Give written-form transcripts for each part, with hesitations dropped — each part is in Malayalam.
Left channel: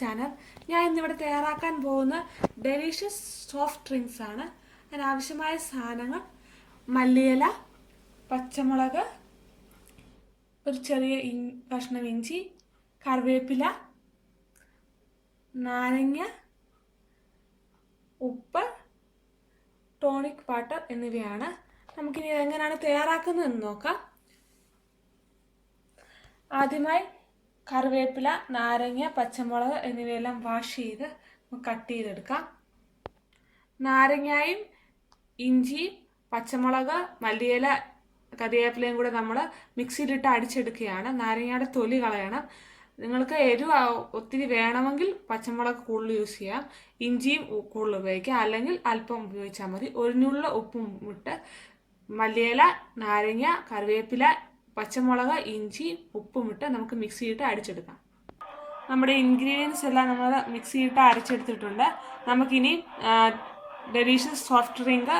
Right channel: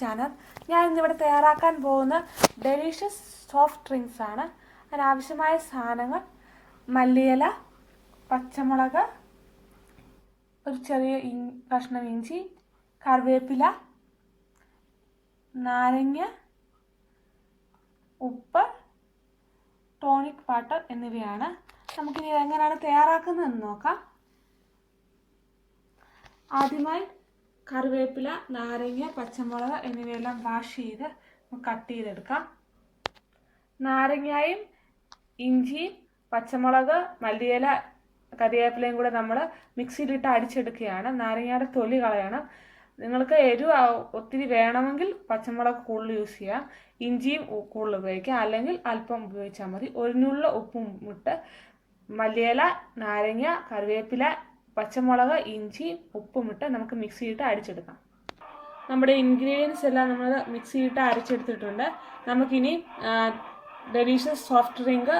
ചാനൽ. ഞാൻ ഇന്നിവിടെ തയ്യാറാക്കാൻ പോകുന്ന ഡെലീഷ്യസ് സോഫ്റ്റ് ഡ്രിങ്ക്സ് ആണ്. അതിനാവശ്യമായ സാധനങ്ങൾ: മല്ലിയില, പച്ചമുളക്, ഒരു ചെറിയ കഷ്ണം ഇഞ്ചി, കറിവേപ്പില, നാരങ്ങ, ഉപ്പ്, ടോണിക് വാട്ടർ എന്നിവയാണ്. നമുക്കിനി എങ്ങനെയാണ് തയ്യാറാക്കുന്നതെന്ന് നോക്കാം. ആദ്യമായി കറിവേപ്പില, നാരങ്ങ, പച്ചമുളക് എന്നിവയെല്ലാം വാഷ് ചെയ്ത് കട്ട് ചെയ്തെടുക്കാം. നാരങ്ങയും ഇഞ്ചി, പച്ചമുളക്, മല്ലിയില, കറിവേപ്പിലയും കൂടെ നമ്മൾ മിക്സിയിലിട്ട് അടിച്ചെടുക്കുകയാണ്. നാരങ്ങയുടെ തൊലി കളയണം. നിങ്ങൾക്ക് എരിവ് ഒത്തിരി വേണമെങ്കിൽ പച്ചമുളക് കൂടുതൽ യൂസ് ചെയ്യാം, ഇഞ്ചിയും കൂടുതൽ ഉപയോഗിക്കാം, അല്ലെങ്കിൽ അല്പം ഉപയോഗിച്ചാൽ മതി. ഒരു നുള്ള ഉപ്പും ഇട്ട് മല്ലിയില, നാരങ്ങ, കറിവേപ്പില, പച്ചമുളക്, ഇഞ്ചി, ഉപ്പുമിട്ട് നമുക്ക് മിക്സിയിട്ട് അടിച്ചെടുക്കാം. നമ്മുടെ ഇൻഗ്രീഡിയൻസ് എല്ലാം നമ്മൾ മിക്സിയിട്ട് അരച്ചെടുത്തിട്ടുണ്ട്. നമുക്കിനി ഡെലീഷ്യസ് സോഫ്റ്റ് ഡ്രിങ്ക്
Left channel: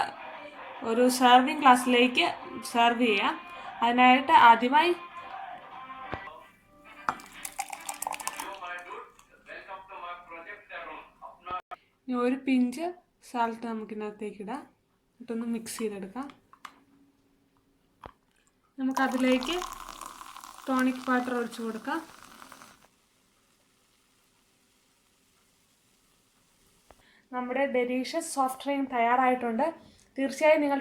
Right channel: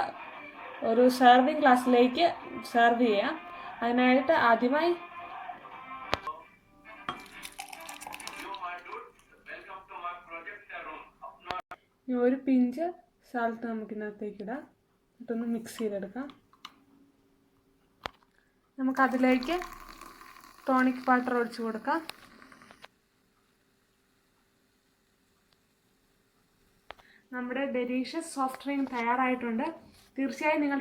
ഒരു സെർവിങ് ഗ്ലാസ്സിലേക്ക് സെർവ് ചെയ്യാം. അതിനായിട്ട് ആദ്യമായി ഒരു പിഞ്ച് സാൾട്ട് നമുക്കിതിനകത്തേക്ക് ഇടാം. എന്നിട്ടൊന്ന് മിക്സ് ചെയ്തെടുക്കാം. നമുക്കതിലേക്ക് ടോണിക് വാട്ടർ ഒഴിച്ചു കൊടുക്കാം. നമ്മുടെ ഡെലീഷ്യസ് സോഫ്റ്റ് ഡ്രിങ്ക് തയ്യാറായിട്ടുണ്ട്. തീർച്ചയായും നിങ്ങൾ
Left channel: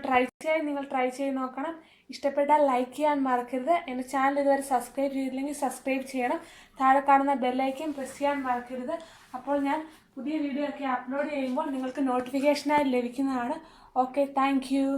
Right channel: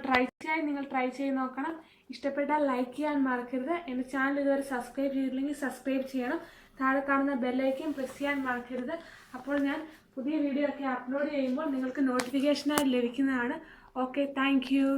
ട്രൈ ചെയ്ത് നോക്കണം. ഇഷ്ടപ്പെട്ടാൽ ലൈക്ക് ചെയ്യാൻ മറക്കരുത്. എൻ്റെ ചാനൽ ഇതുവരെ സബ്സ്ക്രൈബ് ചെയ്തില്ലെങ്കിൽ സബ്സ്ക്രൈബ് ചെയ്യണം. താഴെ കാണുന്ന ബെല്ലൈക്കൻ പ്രസ് ചെയ്യാൻ മറക്കരുത്. അപ്പോൾ ഞാൻ പുതിയ വീഡിയോ ഒക്കെ അപ്ലോഡ് ചെയ്യുമ്പോൾ നിങ്ങൾക്ക് നോട്ടിഫിക്കേഷനായി ലഭിക്കുന്നതാണ്. Okay, thank you.